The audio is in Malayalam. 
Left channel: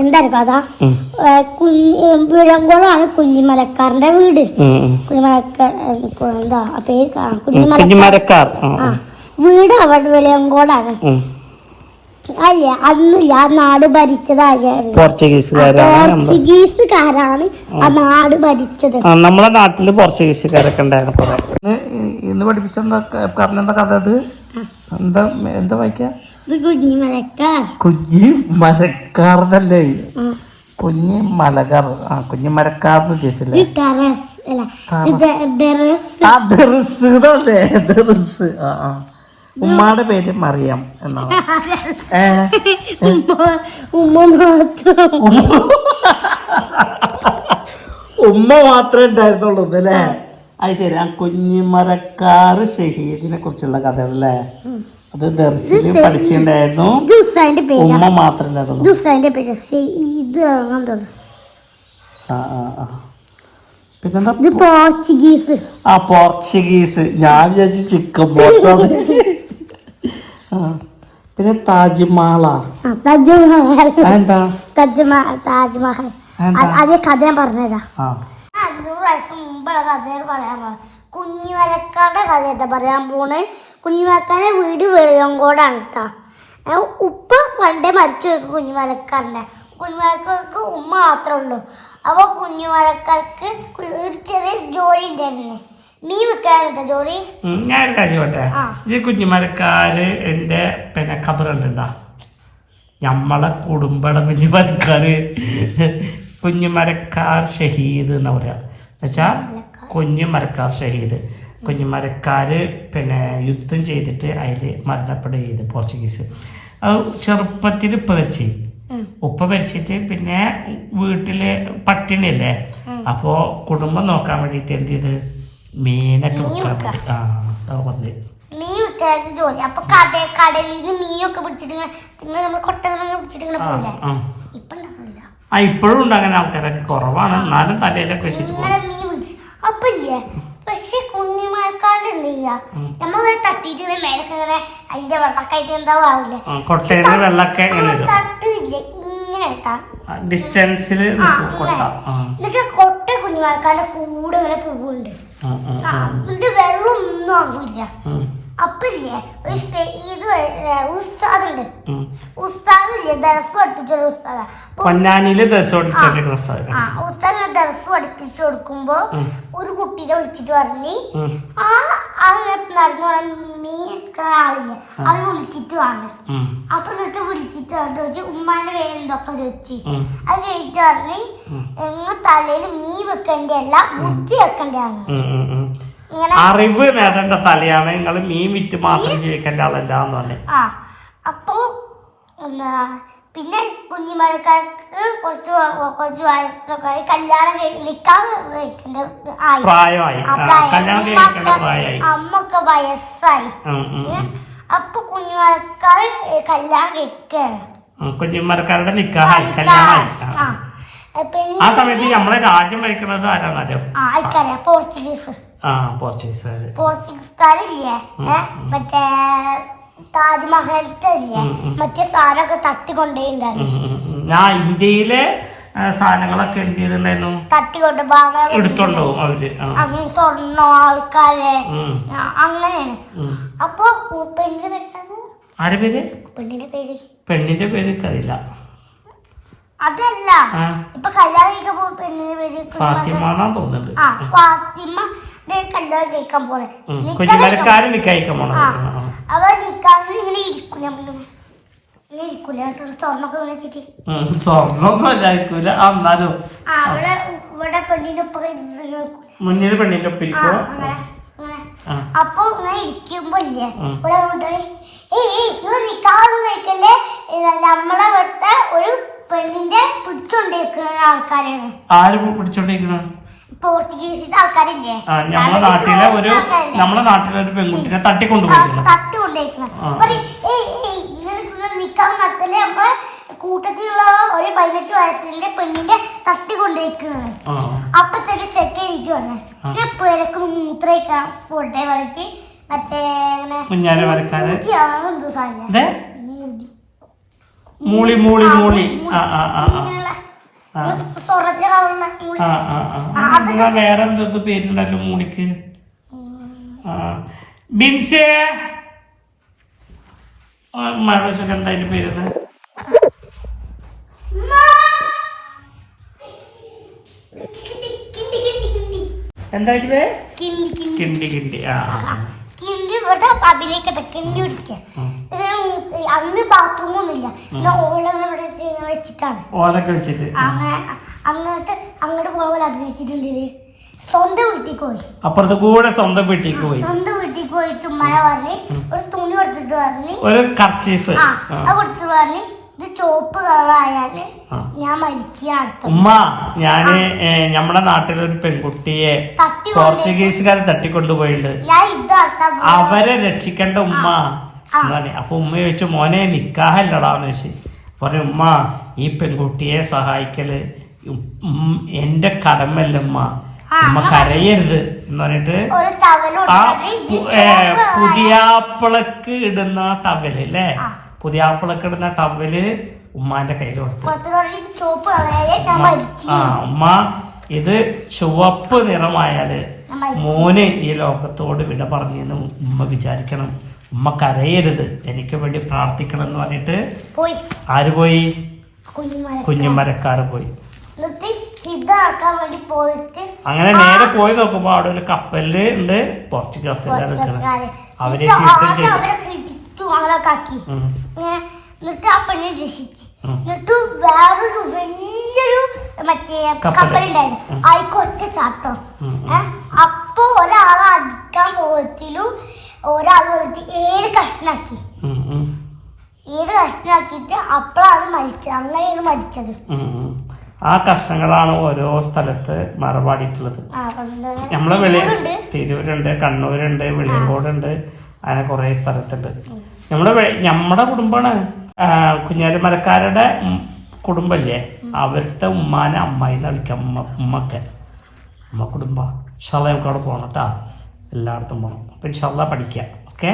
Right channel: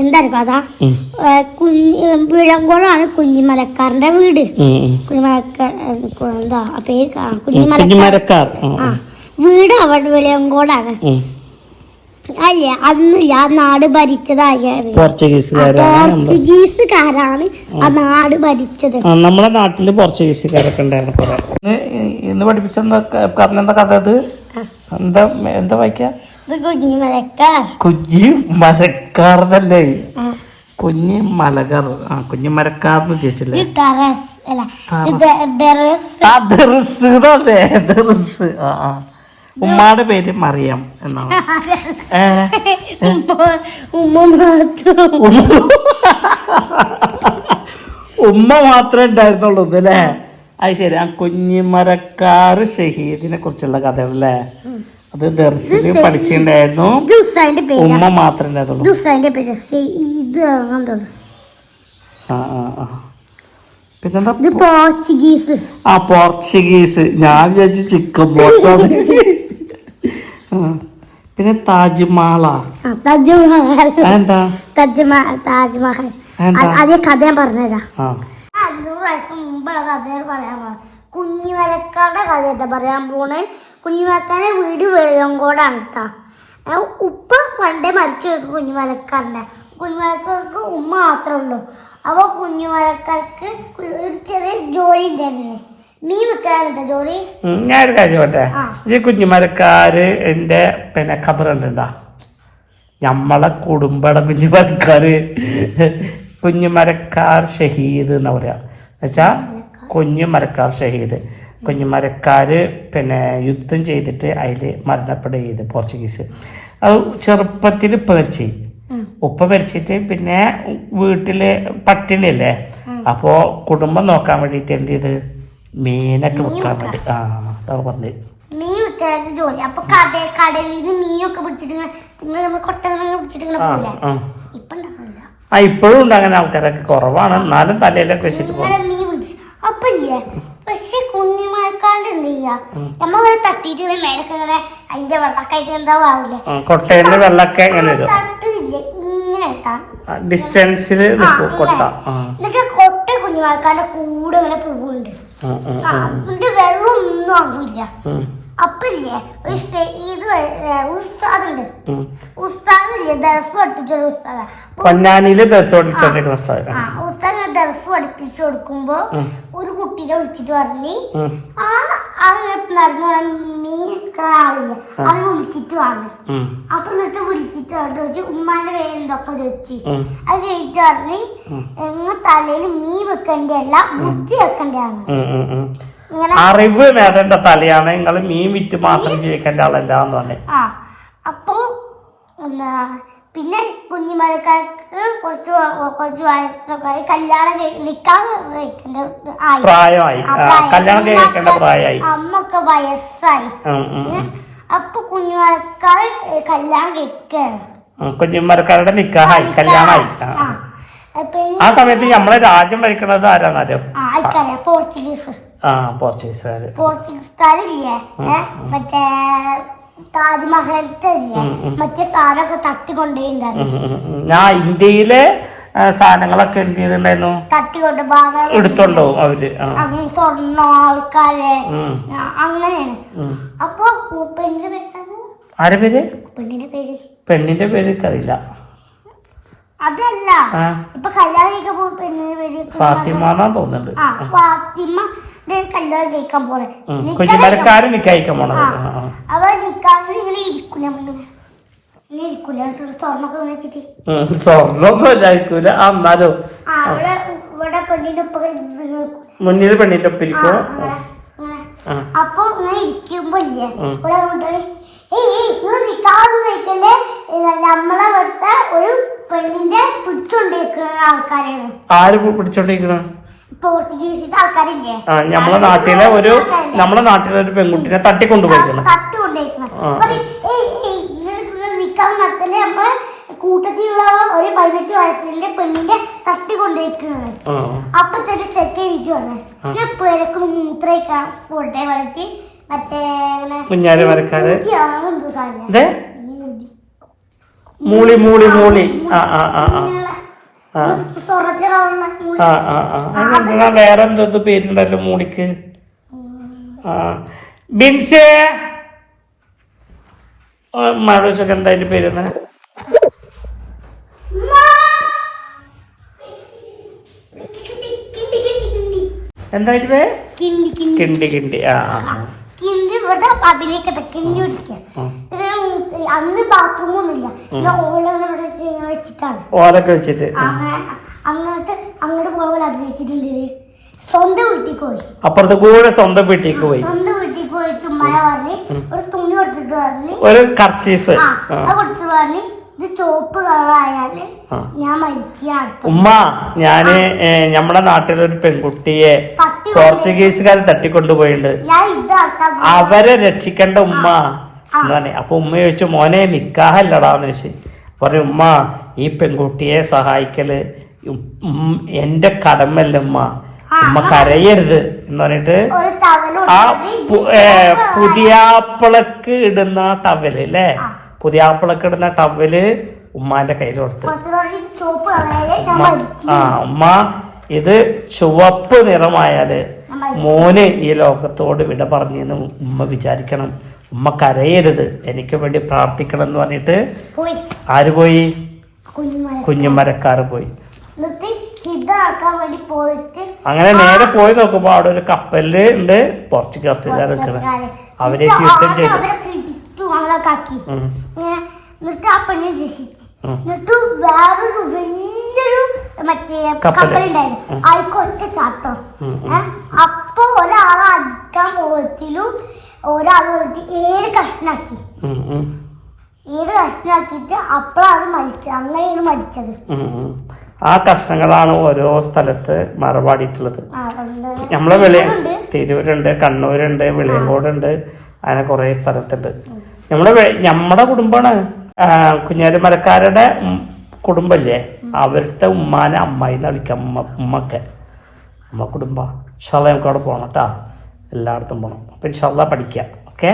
എന്താണ് കഥ? വിളങ്കോളാണ് കുഞ്ഞിമലക്കാരന്റെ വീട്. എന്താ പേര്? കുഞ്ഞിമരക്കാർ. വീട് അവിടെ വിളയങ്കോടാണ്. അല്ലേ, അന്ന് ആ നാട് ഭരിച്ചതായാണ് പോർച്ചുഗീസുകാരാണ് ആ നാട് ഭരിച്ചത്. നമ്മുടെ നാട്ടില് പോർച്ചുഗീസുകാരൊക്കെ ഉണ്ടായിരുന്നു കുറെ. ഇന്ന് പഠിപ്പിച്ചെന്താ കഥ? ഇത് എന്താ വായിക്കാ? കുഞ്ഞിമരക്കാർന്നല്ലേ? കുഞ്ഞിമലക്കാർ. കുഞ്ഞിമരക്കാർന്ന് ഉദ്ദേശിച്ചല്ലേ? ഉമ്മാടെ പേര് മറിയം എന്നാണ്. ഉമ്മ മാത്രമേ ഉണ്ടായിരുന്നുള്ളൂ അല്ലേ? അത് ശരി. ആ കുഞ്ഞിമരക്കാർ ഷഹീദിനെ കുറിച്ചുള്ള കഥകളല്ലേ? അത് ദർസില് പഠിച്ചിട്ടുണ്ടായിരുന്നു. ഉമ്മ മാത്രമേ ഉണ്ടായിരുന്നുള്ളൂ. പിന്നെന്താ? പോർച്ചുഗീസ്. ഞാൻ വിചാരിച്ചു ചിക്കൻ പോർച്ചാണ്. പിന്നെ താജ്മഹലാ? എന്താ താജ്മഹൽ? അതേ കഥ ഞാൻ പറഞ്ഞുതരാം. 500 വയസ്സ് മുമ്പുള്ള കഥ പറയാൻ പോണ കുഞ്ഞിമലക്കാരുടെ കഥയാ പറയാൻ പോണേ. കുഞ്ഞിമലക്കാരുടെ വീട് വെളിയങ്കോടാണ് കേട്ടോ. ഉപ്പ പണ്ടേ മരിച്ചു കുഞ്ഞിമലക്കാരൻ്റെ. കുഞ്ഞിമലക്കാർക്ക് ഉമ്മ മാത്രമേ ഉള്ളൂ. അപ്പോൾ കുഞ്ഞിമലക്കാർക്ക് ഒരു ചെറിയ ജോലി ഉണ്ടായിരുന്നു. മീൻ വെക്കാനെന്താ ജോലി? ഞാനൊരു കാര്യം പറട്ടെ. ഈ കുഞ്ഞിമലക്കാര് എന്റെ പിന്നെ ഖബറുണ്ടാ? നമ്മളെ കുടുംബയുടെ കുഞ്ഞിമരക്കാർ ഷഹീദ് എന്ന് പറയാ. എന്നുവെച്ചാ കുഞ്ഞിമരക്കാർ ഷഹീദ്. കുഞ്ഞിമരക്കാര് പിന്നെ യുദ്ധം ചെയ്തിട്ട് അതിൽ മരണപ്പെടുക ചെയ്ത് പോർച്ചുഗീസ്. അത് ചെറുപ്പത്തിൽ മരിച്ചു. ഉപ്പ മരിച്ചിട്ട് പിന്നെ വീട്ടില് പട്ടിണിയല്ലേ, അപ്പോ കുടുംബം നോക്കാൻ വേണ്ടിട്ട് എന്ത് ചെയ്ത് മീനൊക്കെ വെക്കാൻ വേണ്ടി പറഞ്ഞു. മീൻ വെക്കാത്ത ജോലി. അപ്പൊ കടലിൽ നിന്ന് മീനൊക്കെ പിടിച്ചിട്ട് പിടിച്ചിട്ട് ഇപ്പൊ ഇപ്പോഴും ഉണ്ട് അങ്ങനെ ആൾക്കാരൊക്കെ കുറവാണ്. എന്നാലും തലയിലൊക്കെ വെച്ചിട്ട് പോകും. അപ്പൊ ഇല്ലേ, പക്ഷെ കുഞ്ഞിമലക്കാണ്ട് എന്ത് ചെയ്യാ, നമ്മളിങ്ങനെ തട്ടിട്ട് മേലൊക്കെ ഇങ്ങനെ അതിന്റെ വെള്ളക്കായിട്ട് എന്താ ആവില്ലേ, കൊട്ടയില് വെള്ളമൊക്കെ ഇങ്ങനെ തട്ടില്ലേ ഇങ്ങനെ ഇട്ടാ ഡിസ്റ്റൻസിൽ എന്നിട്ട് കൊട്ട കുഞ്ഞിമലക്കാരുടെ കൂടെ ഇങ്ങനെ പോകുന്നുണ്ട്. എന്നിട്ട് വെള്ളം ഒന്നും ആവില്ല. അപ്പൊ ഇല്ലേ ഒരു ഇത് ഉസ്താദുണ്ട്. ഉസ്താദില്ലേ ദർസ് പഠിപ്പിച്ചൊരു ഉസ്താദാ. പൊന്നാനിയില് ദർസ് ഉസ്താദ് ദർസ് പഠിപ്പിച്ചു കൊടുക്കുമ്പോ ഒരു കുട്ടീനെ വിളിച്ചിട്ട് പറഞ്ഞ് നടന്നു ആളില്ല അവര് വിളിച്ചിട്ട് വന്ന്. അപ്പൊ എന്നിട്ട് വിളിച്ചിട്ട് ചോദിച്ചു ഉമ്മാന്റെ പേര് എന്തൊക്കെ ചോദിച്ചു. അത് കഴിഞ്ഞിട്ട് പറഞ്ഞ് എങ്ങ തലയിൽ മീൻ വെക്കേണ്ടല്ല ബുദ്ധി വെക്കേണ്ടതാണ്. അറിവ് നേടേണ്ട തലയാണ്. നിങ്ങൾ മീൻ വിറ്റ് മാത്രം ജീവിക്കേണ്ട ആളല്ല എന്ന് പറഞ്ഞു. അപ്പൊ പിന്നെ കുഞ്ഞിമലക്കാർക്ക് കുറച്ച് വയസ്സൊക്കെ കല്യാണം പ്രായമായി. കല്യാണം കഴിക്കേണ്ട പ്രായമായി. അമ്മക്ക് വയസ്സായി. അപ്പൊ കുഞ്ഞിമലക്കാർ കല്യാണം കഴിക്കാണ്. കുഞ്ഞിമലക്കാരുടെ നിക്കാഹായി, കല്യാണമായി. ആ സമയത്ത് നമ്മളെ രാജ്യം ഭരിക്കുന്നത് ആരാന്നറിയോ? പോർച്ചുഗീസുകാരില്ലേ മറ്റേ താജ്മഹലത്തെ മറ്റേ സാധനമൊക്കെ തട്ടിക്കൊണ്ടേണ്ടായിരുന്നു. ഞാൻ ഇന്ത്യയിലെ സാധനങ്ങളൊക്കെ എന്ത് ചെയ്തിട്ടുണ്ടായിരുന്നു? തട്ടിക്കൊണ്ട് എടുത്തോണ്ടോ അവര് സ്വർണ്ണ ആൾക്കാരെ അങ്ങനെയാണ്. അപ്പൊ പെണ്ണിന്റെ പേര് ആരെ പേര്? പെണ്ണിന്റെ പേര് അറിയില്ല. അതല്ല, ഇപ്പൊ കല്യാണം കഴിക്കാൻ പോകുന്ന പെണ്ണിന്റെ പേര് ഫാത്തിമ തോന്നുന്നുണ്ട്. ഫാത്തിമ കല്യാണം കഴിക്കാൻ പോണേ. കുഞ്ഞിമലക്കാര് നിക്കായിക്കാൻ പോണത്. അവർ നിക്കാതെ ഇങ്ങനെ ഇരിക്കൂല, ഇങ്ങനെ ഇരിക്കൂല. സ്വർണ്ണൊക്കെ വെച്ചിട്ട് സ്വർണ്ണൊന്നും ഇല്ലായിരിക്കൂല. എന്നാലും ഇവിടെ പെണ്ണിന്റെ ഒപ്പം മുന്നിൽ പെണ്ണിന്റെ ഒപ്പം ഇരിക്കും. അപ്പൊ ഇങ്ങനെ ഇരിക്കുമ്പോ ഇല്ലേ നിക്കാതെ കഴിക്കല്ലേ, നമ്മളെ ഇവിടുത്തെ ഒരു പെണ്ണിന്റെ പിടിച്ചോണ്ടിരിക്കുന്ന ആൾക്കാരാണ്. ആര് പിടിച്ചോണ്ടിരിക്കണ? പോർച്ചുഗീസിന്റെ ആൾക്കാരില്ലേ, നമ്മളെ നാട്ടിലെ ഒരു പെൺകുട്ടിനെ തട്ടിക്കൊണ്ടുപോയിരിക്കണം. നിക്കാൻ നടത്തല് നമ്മളെ കൂട്ടത്തിലുള്ള ഒരു 18 വയസ്സിലെ പെണ്ണിന്റെ തട്ടിക്കൊണ്ടിരിക്കുന്നത്. അപ്പൊ തന്നെ ചെക്ക് ഇരിക്കുവാണ്. പേരൊക്കെ മൂത്രയിക്കാൻ പോട്ടെ പറഞ്ഞിട്ട് മറ്റേ മൂളി മൂളി മൂളി ആ ആ ആ ആ ആ സ്വർണ്ണത്തിന്റെ കളറുള്ള മൂളി. ആ ആ ആ എന്നാ വേറെ എന്തോ പേരുണ്ടല്ലോ മൂളിക്ക്. ആ ബിൻസേ മാടോച്ചൊക്കെ എന്താ അതിന്റെ പേരുന്ന്? എന്തായിരുന്നു? കിണ്ടി കിണ്ടി. ആ ആ കിണ്ടി ഇവിടെ അഭിനയിക്കട്ടെ, കിണ്ടി പിടിക്കാൻ. അന്ന് ബാത്റൂമൊന്നുമില്ല, ഓല വെച്ചിട്ടാണ്. ഓലൊക്കെ വെച്ചിട്ട് അങ്ങോട്ട് പോകുമ്പോൾ അഭിനയിച്ചിട്ടുണ്ട്. സ്വന്തം വീട്ടിൽ പോയി, അപ്പുറത്ത് കൂടെ സ്വന്തം വീട്ടിലേക്ക് പോയി. സ്വന്തം വീട്ടിൽ പോയിട്ട് ഉമ്മ പറഞ്ഞ് ഒരു തുണി കൊടുത്തിട്ട് പറഞ്ഞ്, ഒരു കർച്ചീഫ് അത് കൊടുത്തു പറഞ്ഞ് ഇത് ചോപ്പ് കളറായാല് ഞാൻ മരിച്ചാണ്. ഉമ്മ, ഞാന് നമ്മുടെ നാട്ടിലൊരു പെൺകുട്ടിയെ പോർച്ചുഗീസുകാർ തട്ടിക്കൊണ്ടുപോയിട്ടുണ്ട്, അവരെ രക്ഷിക്കേണ്ട ഉമ്മ എന്നാണ്. അപ്പൊ ഉമ്മ ചോദിച്ചു, മോനെ നിക്കാഹല്ലടാന്ന് ചോദിച്ചു. പറഞ്ഞു, ഉമ്മ ഈ പെൺകുട്ടിയെ സഹായിക്കല് എന്റെ കടമല്ല ഉമ്മ, ഉമ്മ കരയരുത് എന്ന് പറഞ്ഞിട്ട് ആ പുതിയാപ്പിളക്ക് ഇടുന്ന ടവല് അല്ലേ, പുതിയാപ്പിളക്ക് ഇടുന്ന ടവല് ഉമ്മാന്റെ കയ്യിൽ കൊടുത്തു. ആ ഉമ്മ, ഇത് ചുവപ്പ് നിറമായാല് മോന് ഈ ലോകത്തോട് വിട പറഞ്ഞെന്ന് ഉമ്മ വിചാരിക്കണം, ഉമ്മ കരയരുത്, എനിക്ക് വേണ്ടി പ്രാർത്ഥിക്കണം എന്ന് പറഞ്ഞിട്ട് ആര് പോയി? കുഞ്ഞുമരക്കാര് പോയി. അങ്ങനെ നേരെ പോയി നോക്കുമ്പോ അവിടെ ഒരു കപ്പലില് ഉണ്ട് പോർച്ചുഗീസുകാർ നിൽക്കുന്നത്. അവര് യുദ്ധം ചെയ്തു. എന്നിട്ട് ആ പെണ്ണെ രക്ഷിച്ചു. എന്നിട്ട് വേറൊരു വലിയൊരു മറ്റേ കപ്പലുണ്ടായിരുന്നു, അതിക്കൊറ്റ ചാട്ടോ. അപ്പൊ ഒരാളെ അടിക്കാൻ പോകത്തിലും ഒരാൾ വന്നിട്ട് 7 കഷ്ണാക്കി. 7 കഷ്ണാക്കിയിട്ട് അപ്പോഴാണ് മരിച്ചത്. അങ്ങനെയാണ് മരിച്ചത്. ആ കഷ്ണങ്ങളാണ് ഓരോ സ്ഥലത്ത് മറപാടിയിട്ടുള്ളത്. നമ്മളെ തിരൂരുണ്ട്, കണ്ണൂരുണ്ട്, വെളിയങ്കോടുണ്ട്, അങ്ങനെ കുറെ സ്ഥലത്തുണ്ട്. നമ്മുടെ കുടുംബാണ്. കുഞ്ഞാലിമരക്കാരുടെ കുടുംബല്ലേ, അവരുടെ ഉമ്മാനെ അമ്മായിന്ന് വിളിക്കാം. ഉമ്മക്കെ ഉമ്മ കുടുംബ. ഇൻഷാല്ലാ നമുക്ക് അവിടെ പോകണം കേട്ടോ, എല്ലായിടത്തും പോകണം. അപ്പം ഇൻഷാല്ലാ പഠിക്കാം. ഓക്കെ.